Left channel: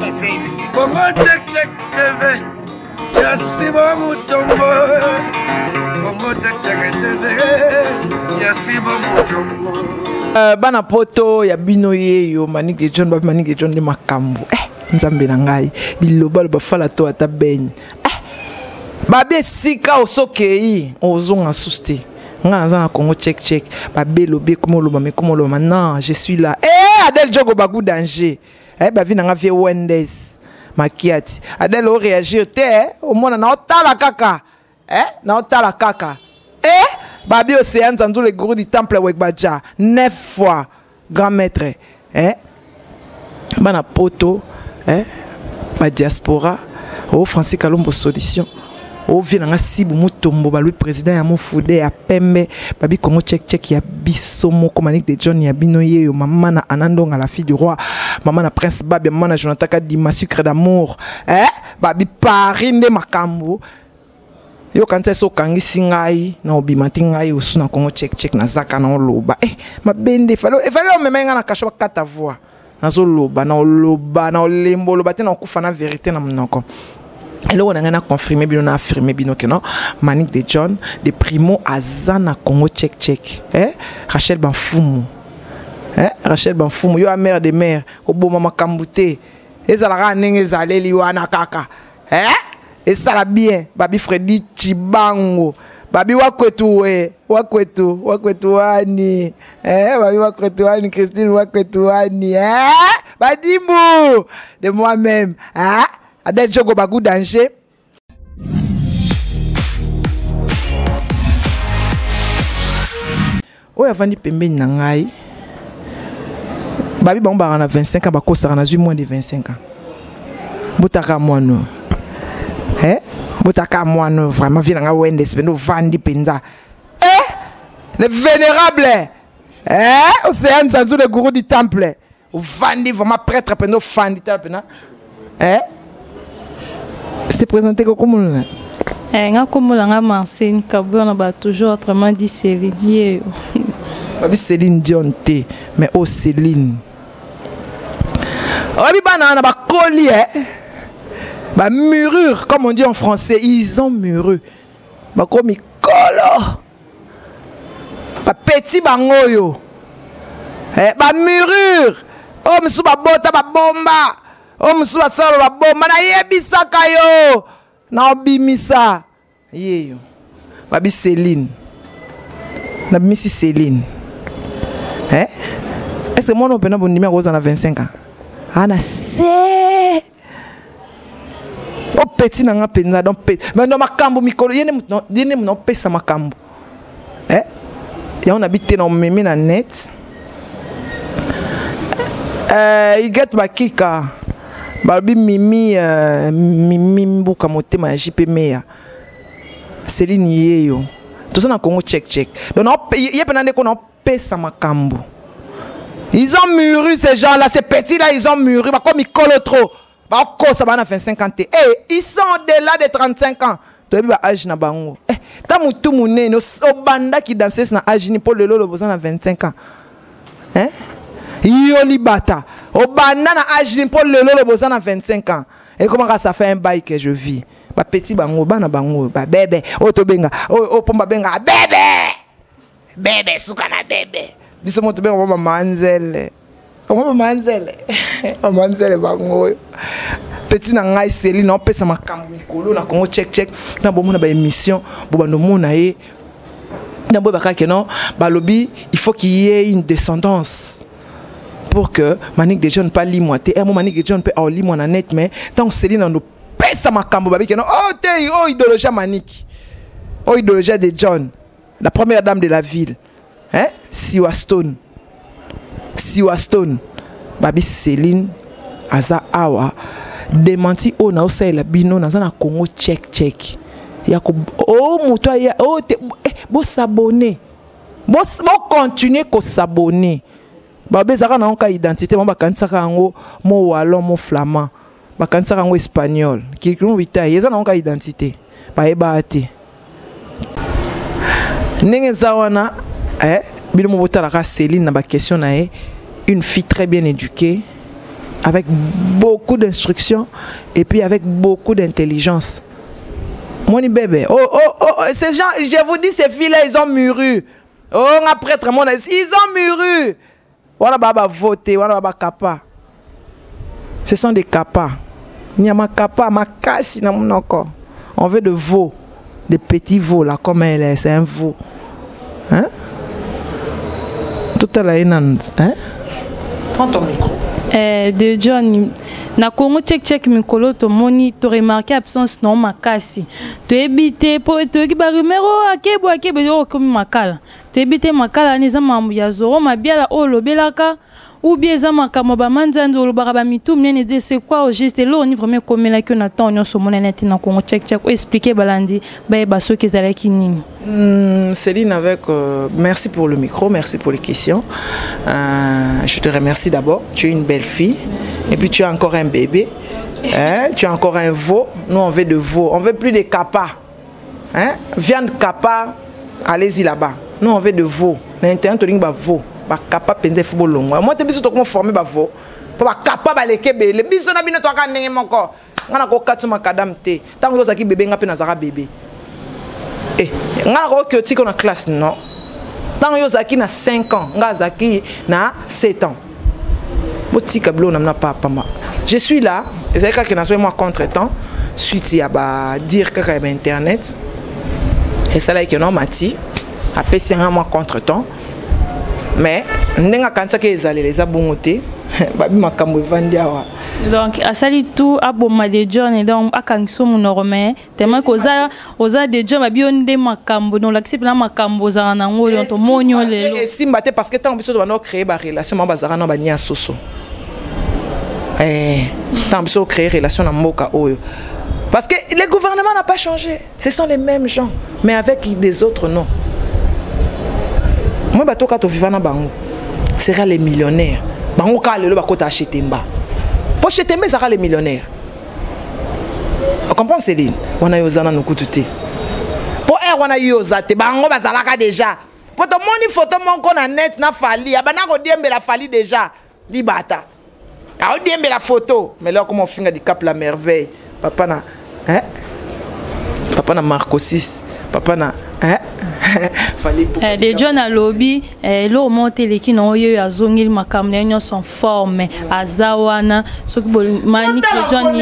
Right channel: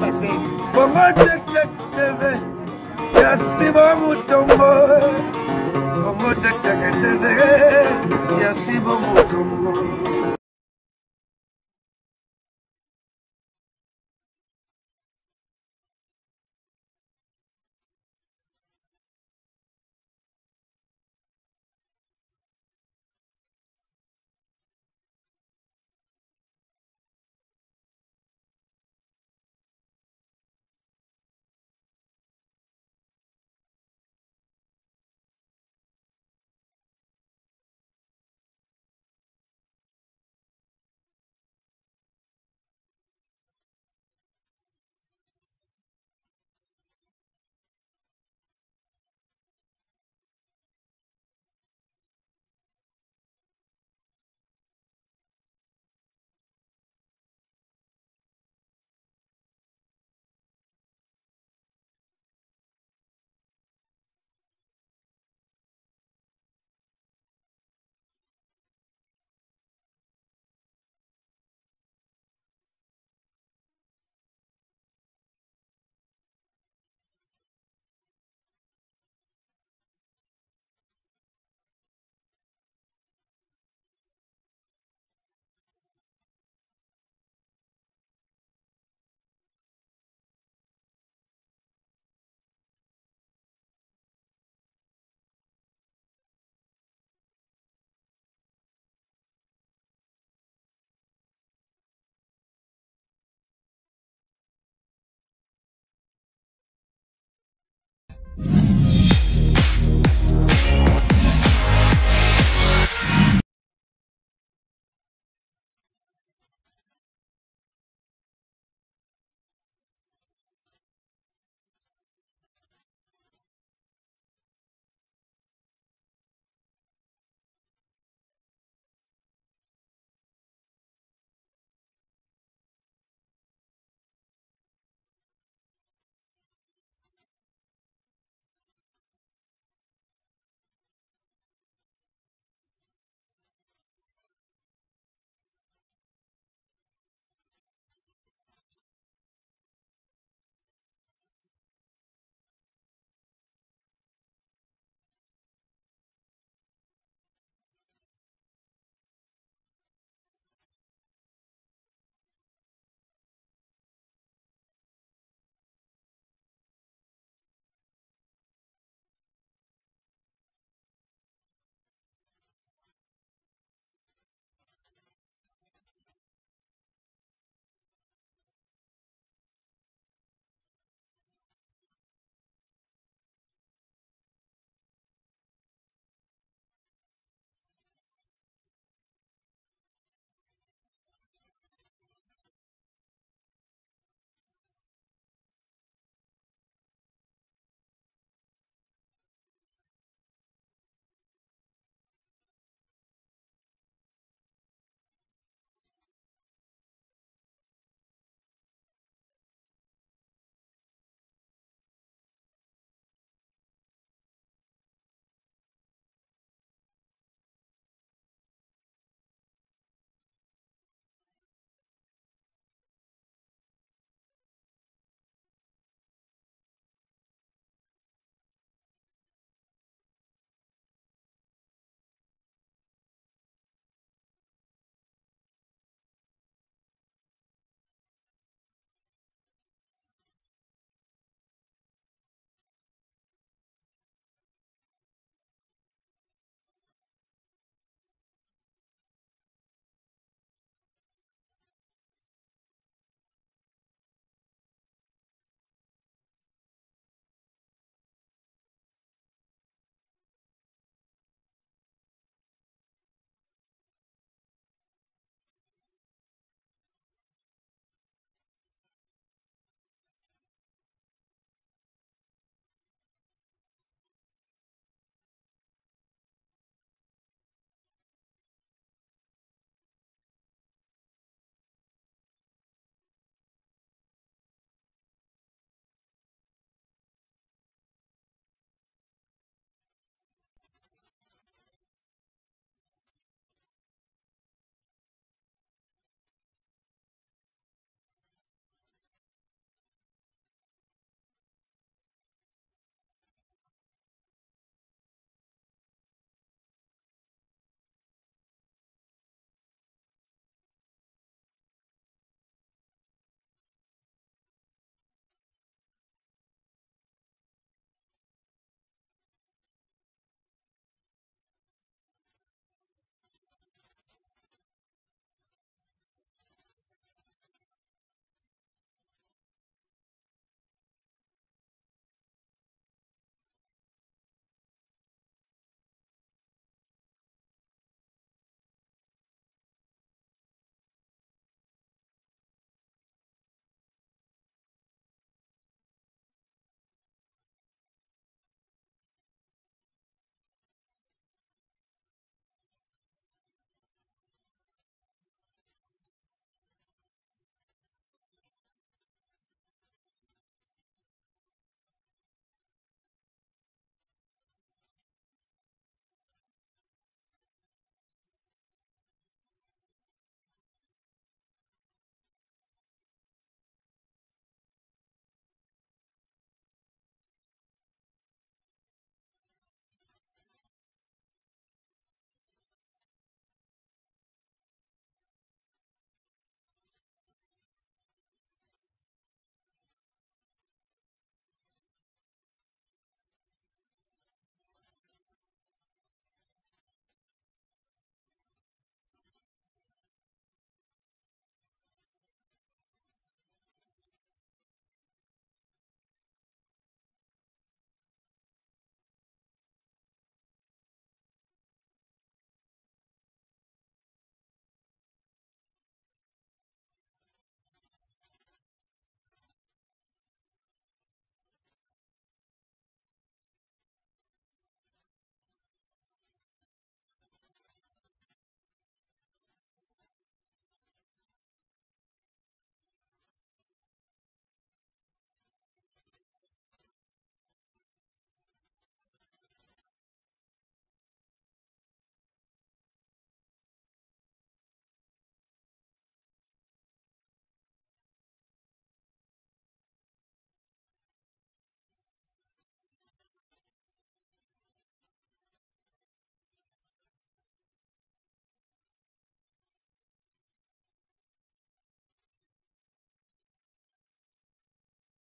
passé. Congo check check TV. Yasi bon mutombo. Congo check check TV. Yasi bon mutombo. Bana poto ya bino ye yo Manick de John ba Manick de John de makambo. Nzambe na ngai biloba ba fala to ata ben. Babe sika osokei ozonga suste. Nga na Congo check check. Babe lobi komo loba me komo loba non, je suis là. Adel Jogo bagou danger. Ba vi na vie Wendes. Makiati. Adel o réagir te au mona na otala kaka. Na otala kaka. Babi Océane Zanzou le gourou du temple Wekbaja 9 fois grand maître. Bana poto. Ba diaspora. O Francis Kalombo solution. O vient sibu mutombo ba lui président ya Mofude ya Pembe babi Congo check check ya bisomo comme Manick de John ya binoye yo maman na Anandonga la fille du roi maman na prince Babi maman na Jonathan Kadima sucre d'amour babi parinde makambo yo kanta so kangi singai na obimati ngai osu na Congo check check na zaka na loba ma bende falo memenga na kasho kata voix na zo loba na loba na lembo loba te na kufa na vérité na mnoko. Et là, on a confirmé, on a affirmé que non, Manick de John, de primo Azana Congo check check. Rachel Banfoumou. Rachel Banfoumou, yo a mère de mère, au beau maman Kambouté. Et ça la nenge zale liwana kaka. Et ça la bien, babi Freddy Chibango. Babi wakwetu wani. Babi wakwetu wani, Christine wakwetu wani. Badimou, de moi-même. Adel Jogo bagou danger. Oya vandi pembe nangai. Babi bamba na 25 ans bakosa na moins de 25 ans. Botaka mono. Botaka mono vraiment vient nga Wendes beno vandi penza. Le vénérable. Océane Zanzou le gourou du temple. Vandi vraiment prêtre peno fandi pena. C'est présenté comme on nga comme la Marcine Kabou on a toujours autrement dit Céline. Babi Céline Dion T mais oh Céline. Babi banana ba collier ba murure comme on dit en français, ils ont murure. Ba komi kolo. Ba petit bangoyo. Ba murure. Oh msu ba bota ba bomba. Oh msuwa salo la bomba na yebisaka yo na obimisa yeyo babi Céline na bimisi Céline est-ce que moi on peut na bon numéro aux 25 ans ana c'est o petit na nga penza donc mais no makambo mikolo yene no pesa makambo ya on habite na meme na net il get bakika Balbi Mimi Mbuka motema ya JP Meya Céline yeyo tout ça na Congo check check donc y a pendant qu'on pesa makambo ils ont mûri ces gens là ces petits là ils ont mûri bah comme ils collent trop bah quoi ça va na 25 ans ils sont au-delà de 35 ans tu vois âge na bango ta mutu munene o banda qui danse na âge ni pour le lolo besoin na 25 ans Yoli bata. Au banana agine pour le lolo bozana 25 ans. Et comment ça fait un bail que je vis? Ba petit bango, bana bango, ba bébé, to benga, pomba benga, bébé. Bébé sukana bébé. Biso moto benga mama manzele. Mama manzele. Mama manzele bango. Petit na ngai Céline on pesa makambo mikolo na Congo check check na bomo na ba émission bo bando mona ye. Na bo ba ka ke non, ba lobby, il faut qu'il y ait une descendance. Pour que Manick de John pas limoité et Manick de John peut en limon en net mais tant Céline nous pèse ma cambo babi que non oh idéologie Manick oh idéologie de John la première dame de la ville Siwa Stone babi Céline aza awa démenti o na osa la bino na na Congo check ya ko oh muto ya oh bo s'abonner bo continuer ko s'abonner Babé zaka na onka identité mo bakansaka ngo mo wallon mo flamand bakansaka ngo espagnol ki kunu wita yeza na onka identité ba ebate ndenge zawana bino mo botala ka Céline na ba question na une fille très bien éduquée avec beaucoup d'instructions et puis avec beaucoup d'intelligence. Mon bébé, ces gens, je vous dis, ces filles-là, ils ont mûri. Oh, un prêtre, ils ont mûri. Voilà, baba voter, voilà, baba kappa. Ce sont des kappas. Il y a ma kappa, ma casse, on veut de veaux, des petits veaux là, comme elle est, c'est un veau. Hein? Tout à l'heure, hein? Prends ton micro. De John, na Congo check mikolo to moni to remarqué absence non makasi. To ebite po to ki ba numero akebo yo komi makala. To ebite makala ni za mambu ya zoro mabiala o lobelaka ou bien za makamo ba manzanzo lo ba mitu mnene de c'est quoi au juste là on est vraiment comme là que on attend on so mona net na Congo check expliquer balandi ba so ki zala kinini. Céline, merci pour le micro, merci pour les questions. Je te remercie d'abord. Tu es une belle fille. Merci. Et puis tu as encore un bébé. Hein? Tu as encore un veau. Nous, on veut de veau. On veut plus de kappa. Hein? Viande kappa, allez-y là-bas. Nous, on veut de veau. L'intérêt, tu as veau. Kappa, pende fubo longo. Moi, tu es comment former veau. Pour kappa, balekebe. Le biso na bino to aka nenge moko. Ngana ko katuma kadam te. Tant que zaki bébé ngape na zara bébé. Eh, nga ko tiko na classe non. Tant yo zaki na 5 ans, nga zaki na 7 ans. Botika blo na papa ma. Je suis là, et c'est que na so moi contre-temps, suite ya ba dire que ba internet. Et ça là que non mati, a pesi nga moi contre-temps. Mais ndenga kanza ke ezali les abongote, ba bi makambo evandi awa. Donc, à sali tout à bomma de John et donc à Kangso mon normé. Tellement qu'aux a de John a bien des macambo donc l'accepte la macambo za na ngo donc monyo le. Et si mbaté parce que tant biso doit créer ba relation ma bazara na ba nia soso. Tant biso créer relation na mboka oyo. Parce que le gouvernement n'a pas changé. Ce sont les mêmes gens mais avec des autres noms. Moi bato ka to vivana bango sera les millionnaires. Bango ka lelo ba kota acheter mba. Pour acheter mes les millionnaires. On comprend Céline? On a eu aux nous coûter. Pour on a eu aux athées, bango bazalaka déjà. Pour ton moni photo mon qu'on a net na fali, abana ko diembe la fali déjà. Libata. A diembe la photo, mais là comment on finit du cap la merveille. Papa na Papa na Marco 6. Papa na de John à lobby l'eau monte les qui n'ont eu à zongil ma caméra sont formés à Zawana ce que manique John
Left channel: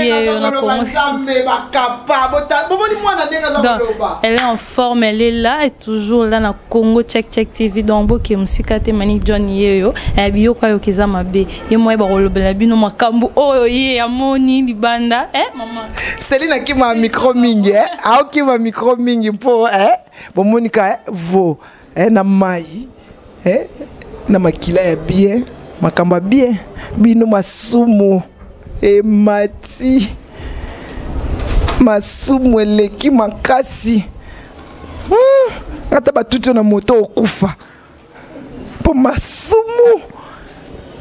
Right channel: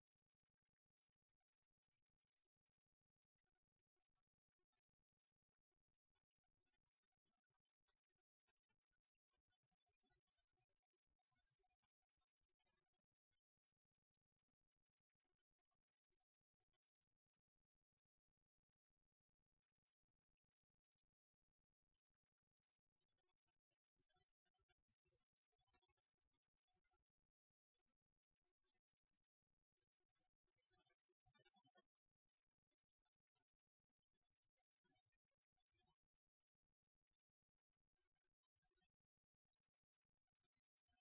elle est en forme elle est là et toujours là na Congo check TV donc boki musikate manique John yeyo et bio kwa yo kizama be ye moi ba rolobela bino makambu oyo ye amoni libanda maman Céline qui m'a micro mingi qui m'a micro mingi pour bon monika vo na mai na makila ya bien makamba bien bino masumu mati masumu eleki makasi ata batuti na moto okufa po masumu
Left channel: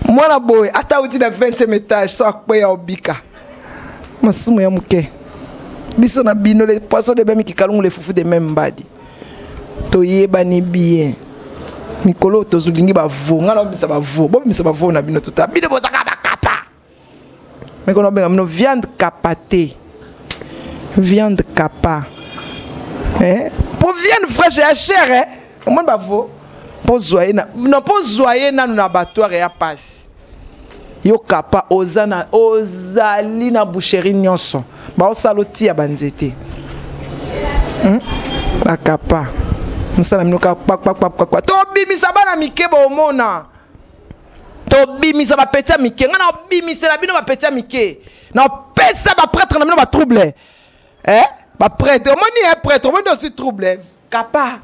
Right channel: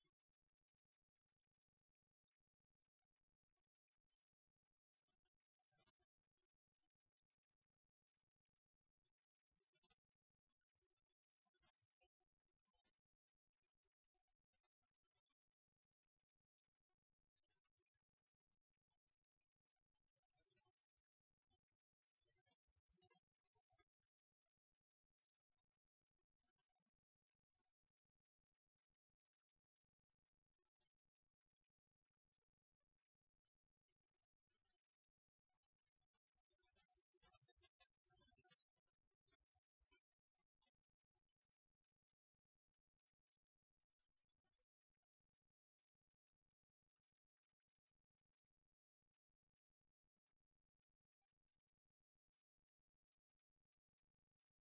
mwana boy ata uti na 20e étage so akwe ya obika masumu ya muke biso na bino les poissons de bemi ki kalungu les fufu de même badi toyeba ni bien mikolo tozulingi ba vo ngala obisa ba vo bo bimisa ba vo na bino tota bino botaka ba kapa mais qu'on a no viande capatée viande capa pour viande fraîche et chère au moins ba vo pour zoyer na non pour zoyer na na abattoir ya passe yo capa ozana ozali na boucherie nyonso ba osaloti ya banzete ba capa musala minoka pak to bimisa bana mikebo omona to bimisa ba petia mike ngana bimisa la bino ba petia mike na pesa ba prêtre na bino ba trouble ba prêtre omoni un prêtre omoni aussi trouble capa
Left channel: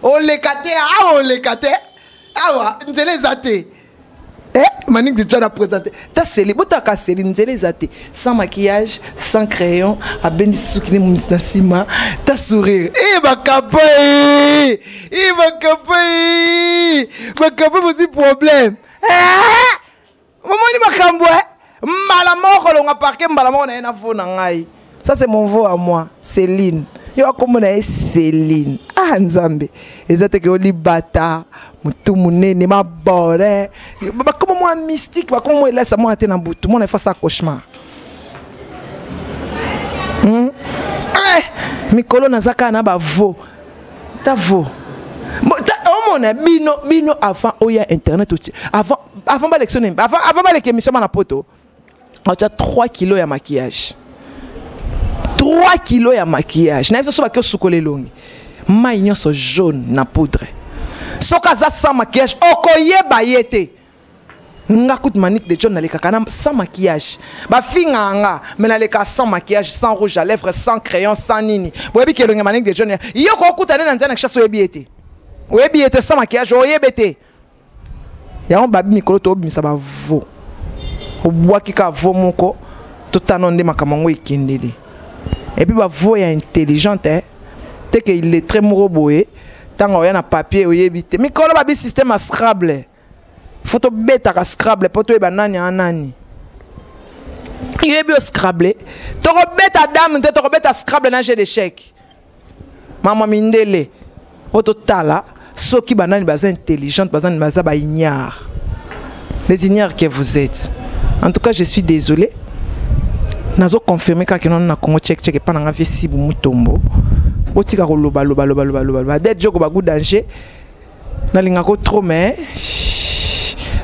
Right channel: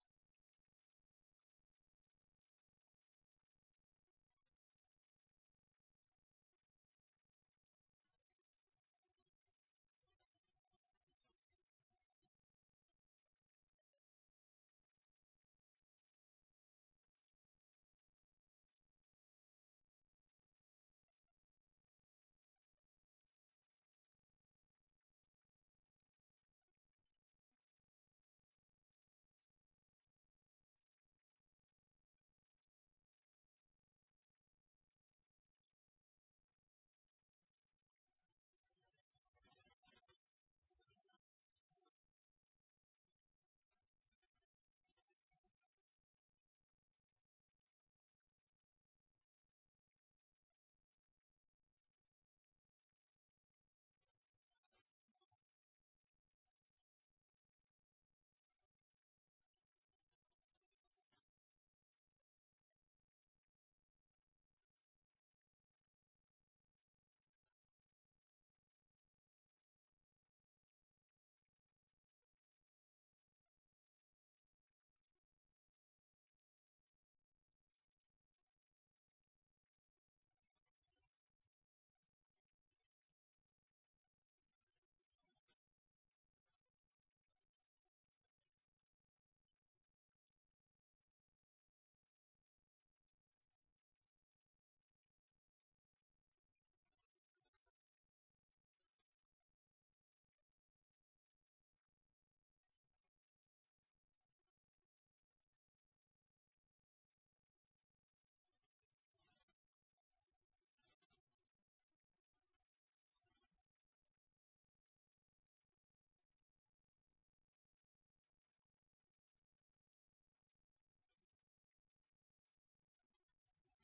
o lekate o lekate awa nzele zate Manik de Tchad a présenté. Ta Céline, botaka Céline, zate sans maquillage, sans crayon, à ben soukine mounisna sima, ta sourire. Bakapa, bakapa aussi problème. Maman ni makambo, malamoko longa parquet, malamoko na ena fo na ngai. Ça c'est mon veau à moi, Céline. Yo comme on a Céline. Ah Nzambe. Ezate ke oli bata, mutu munene mabore bakoma mwa mystique bakoma mwa elasa mwa te na butu mona fa ça cauchemar mikolo nazaka na bavo ta vo omona bino avant oya internet avant ba lectionner avant ba l'émission na poto on a 3 kilos ya maquillage 3 kilos ya maquillage na so ba ke sukole longi mai nyonso jaune na poudre soka za sans maquillage okoyeba yete nga kout Manique de John na leka kana sans maquillage ba finga nga mais na leka sans maquillage sans rouge à lèvres sans crayon sans nini boyebi ke longa Manique de John yo ko kutana na nzana kisha so yebi ete sans maquillage oyebete ya on babi mikolo to obimisa ba vo obwaki ka vo moko totano nde makamango ikindeli et puis ba vo ya intelligente te que il est très moroboé tant on y a un papier oyebite mikolo babi système à Scrabble photo bêta ka Scrabble poto e banani anani yebi o Scrabble to ko bêta dame te to ko bêta Scrabble na jeu d'échec mama mindele poto tala soki banani baza intelligente bazani baza ba ignare les ignares que vous êtes en tout cas je suis désolé nazo confirmer ka que non na Congo check pas na vie si bu mutombo otika ko loba d'être joko ba goût danger na linga ko trop mais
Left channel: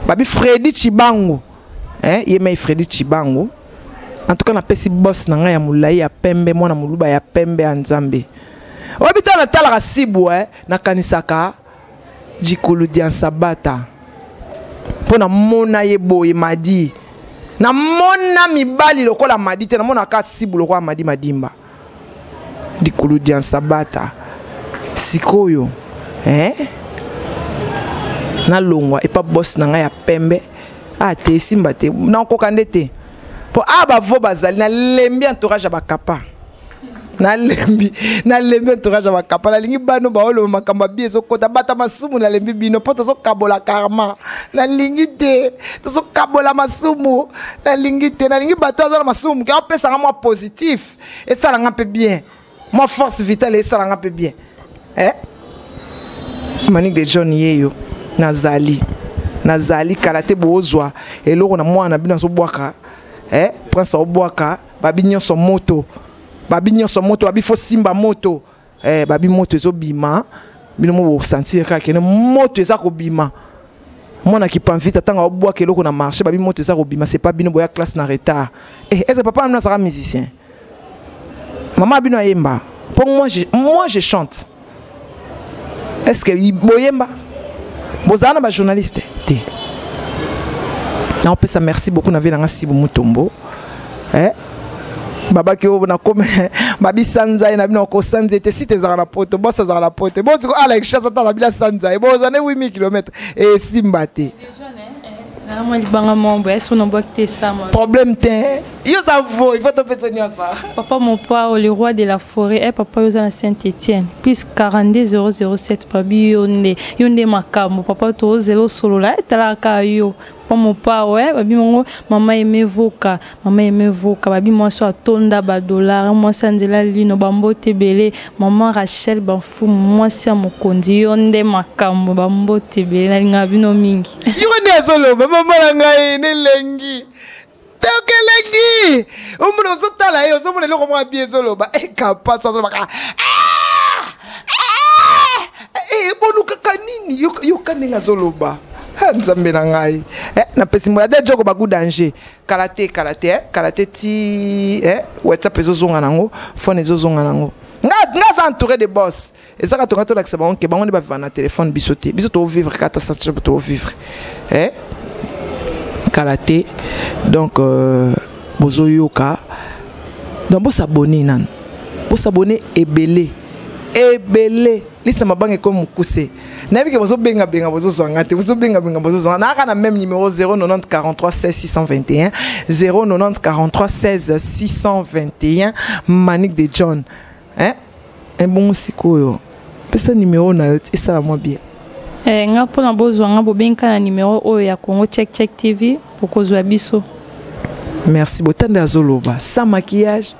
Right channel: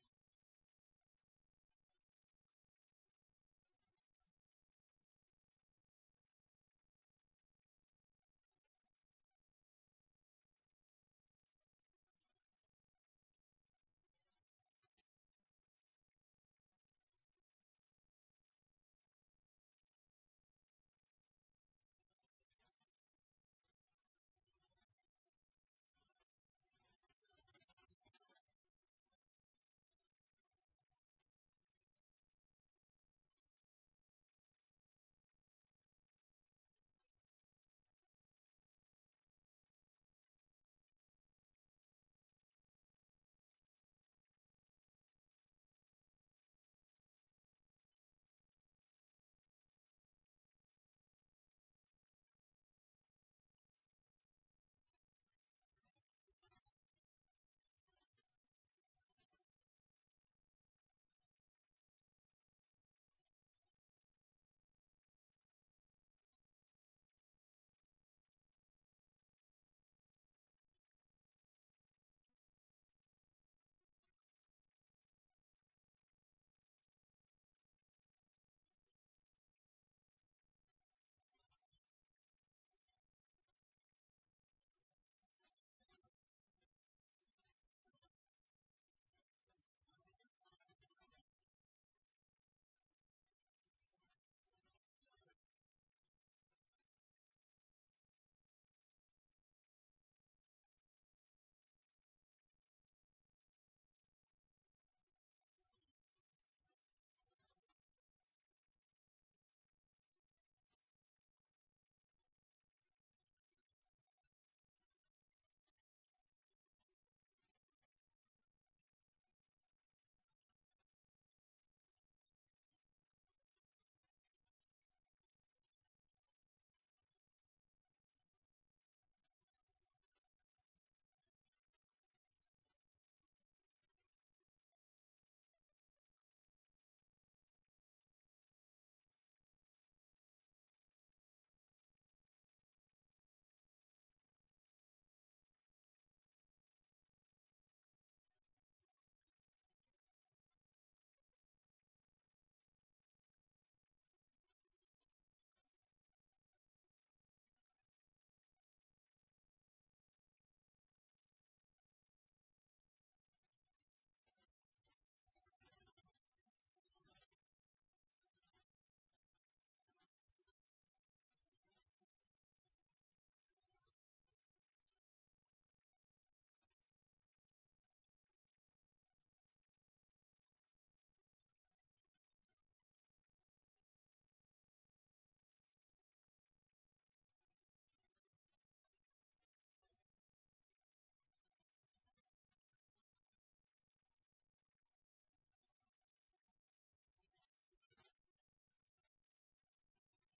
babi Freddy Chibango yemei Freddy Chibango en tout cas na pesi boss na nga ya mulai ya pembe mona muluba ya pembe anzambe obita na tala sibu na kanisaka jikulu dia sabata pona mona yebo madi na mona mibali lokola madi te na mona ka sibu lokola madi madimba dikulu dia sabata sikoyo na longwa et pas boss na nga ya pembe te simba te na ko kandete po aba vo bazali na lembi entourage ba kapa na lembi entourage ba kapa na lingi bano ba olo makamba bi so kota bata masumu na lembi bino poto so kabola karma na lingi te to so kabola masumu na lingi te na lingi bato za masumu ka pesa nga moi positif et ça nga peu bien moi force vitale et ça nga peu bien Manique de John yeyo nazali karate bozwa eloko na mwana bina so bwaka prince obwaka babi nyonso moto babi fo simba moto babi moto ezo bima bino mo sentir ka kene moto eza ko bima mwana ki panvita tanga obwaka eloko na marché babi moto eza ko bima c'est pas bino boya classe na retard est-ce papa na sera musicien maman bino ayemba pour moi je chante est-ce que boyemba bozana ba journaliste te na on peut ça merci beaucoup na vela ngasi bu mutombo baba ki o na comme babi sanza na bino ko sanza te site za na poto bossa za na poto bozo ko ala ikisha sata na bila sanza bozane 8000 km et simbate problème te yo ça vaut il faut te faire ça papa mon père le roi de la forêt papa yo na Saint-Étienne plus 42007 pabi yonde makamo papa to zelo solo la talaka yo papa mon père babi mongo mama emevoka babi moi so atonda ba dollar moi sanzela lino bambote belé maman Rachel banfu moi si amokondi yonde makamo bambote belé na linga bino mingi yo ne solo maman ngai ne lengi Tokelengi, omuno zotala yo somone loko mwa bien solo ba kapasa solo baka bonuka kanini yo kaninga solo ba nzambe na ngai na pesi mo de joko ba good danger karate ti WhatsApp ezozonga nango phone ezozonga nango nga za entouré de boss et ça ka to la que bon ke bango ne ba vivre na téléphone bisoté to vivre kata sa to vivre karaté donc bozo yoka donc bo s'abonner nan bo s'abonner ebele lisa mabange comme mukuse na biki bozo benga bozo zonga te bozo benga bozo zonga na kana même numéro 090 43 16 621 090 43 16 621 Manique de John un bon sikoyo pesa numéro na ça moi bien nga pona bozo nga bobenka na numéro oyo ya Congo Check TV pour kozwa biso. Merci beaucoup Zoloba sans maquillage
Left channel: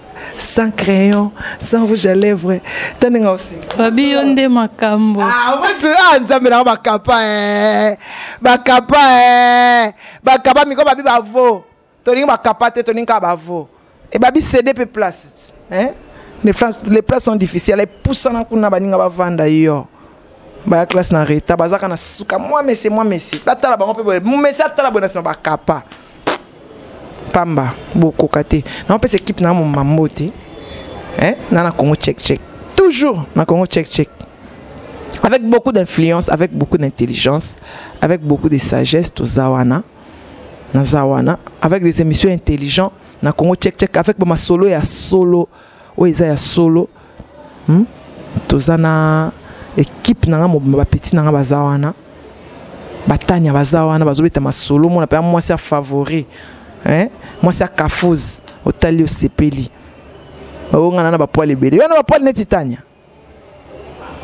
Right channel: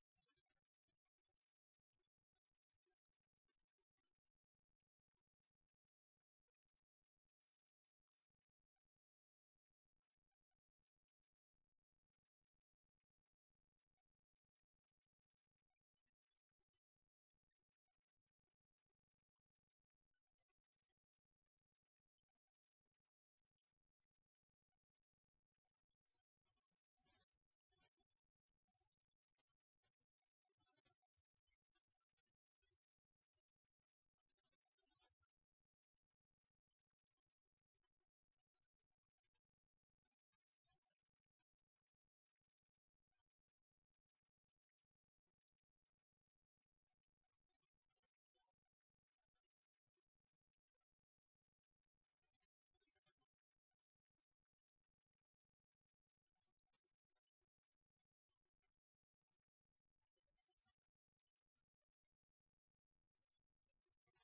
sans crayon, sans rouge à lèvres. T'en aussi. Babi yonde makambo. Ah, moi tu as nzambe na bakapa bakapa miko babi bavo. Toninga bakapa te toninga bavo. Et babi cédé pe place. Hein? Les places sont difficiles. Les poussant na kuna baninga bavanda yo. Ba classe na reta bazaka na suka moi mais batala bango pe mais ça tala bona sa bakapa. Pamba beaucoup kate. Na on peut équipe na mon mamote. Hein? Na Congo check. Toujours na Congo check. Avec beaucoup d'influence, avec beaucoup d'intelligence, avec beaucoup de sagesse, to Zawana, avec des émissions intelligentes, na Congo check, avec ma solo et solo, ya solo, to zana équipe na ma petit na Zawana, batanya bazawana, bazobeta ma solo, mon appelle moi c'est favori, hein, moi c'est Kafouz, au Talio Sepeli, on a na ba poil ebele, on a ba poil netitanya.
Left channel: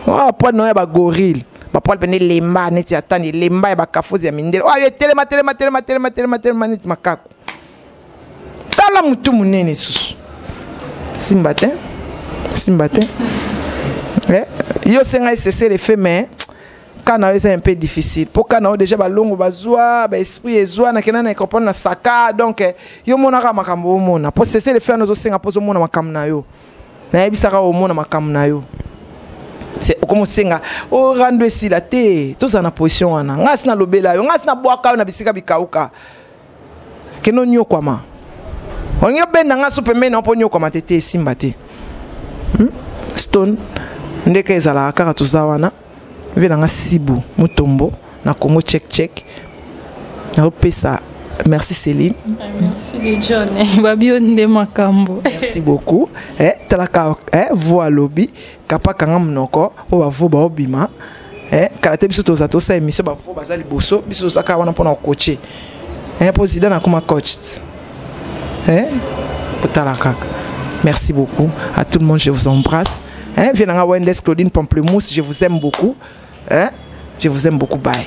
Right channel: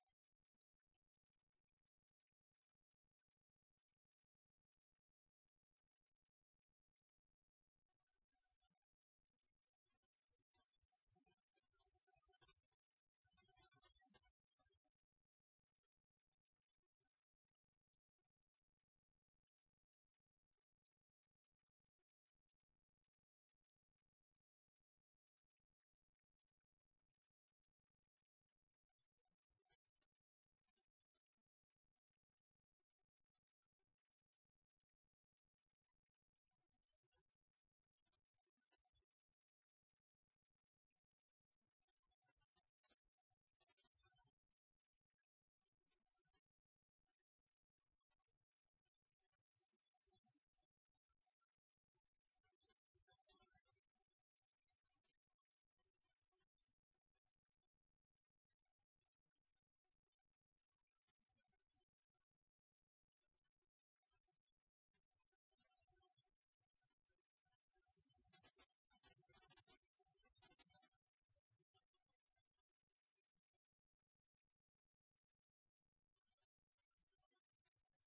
Oh, pas non, ba gorille. Ba poil bene lemba neti atani lemba ba kafozi ya mindele. Oh, telema neti makako. Tala mutu munene susu. Simbate. Yo senga cesser les faits mais quand c'est un peu difficile. Pour quand déjà ba longo bazwa, ba esprit ezwa na kenana comprendre na saka donc yo monaka makambo mona. Pour cesser les faits nous senga pozo mona makambo na yo. Na yebisaka o mona makambo na yo. C'est comme senga o rando esi la te tous en position wana ngasi na lobela yo ngasi na bwaka na bisika bikauka keno nyo kwama onyo benda ngaso pembe na ponyo kwama tete simba te stone ndeke ezala kaka tuzawana vela ngasibu mutombo na Congo check na pesa. Merci Céline. Merci John. Babi onde makambo. Merci beaucoup. Talaka voix lobby kapa kanga mnoko o bavo ba obima. Kalate biso to zato sa émission ba vo bazali boso biso saka wana pona coacher. Président na kuma coach. Talaka. Merci beaucoup à tout le monde, je vous embrasse. Vienanga Wendes Claudine Pamplemousse, je vous aime beaucoup. Je vous aime beaucoup. Bye.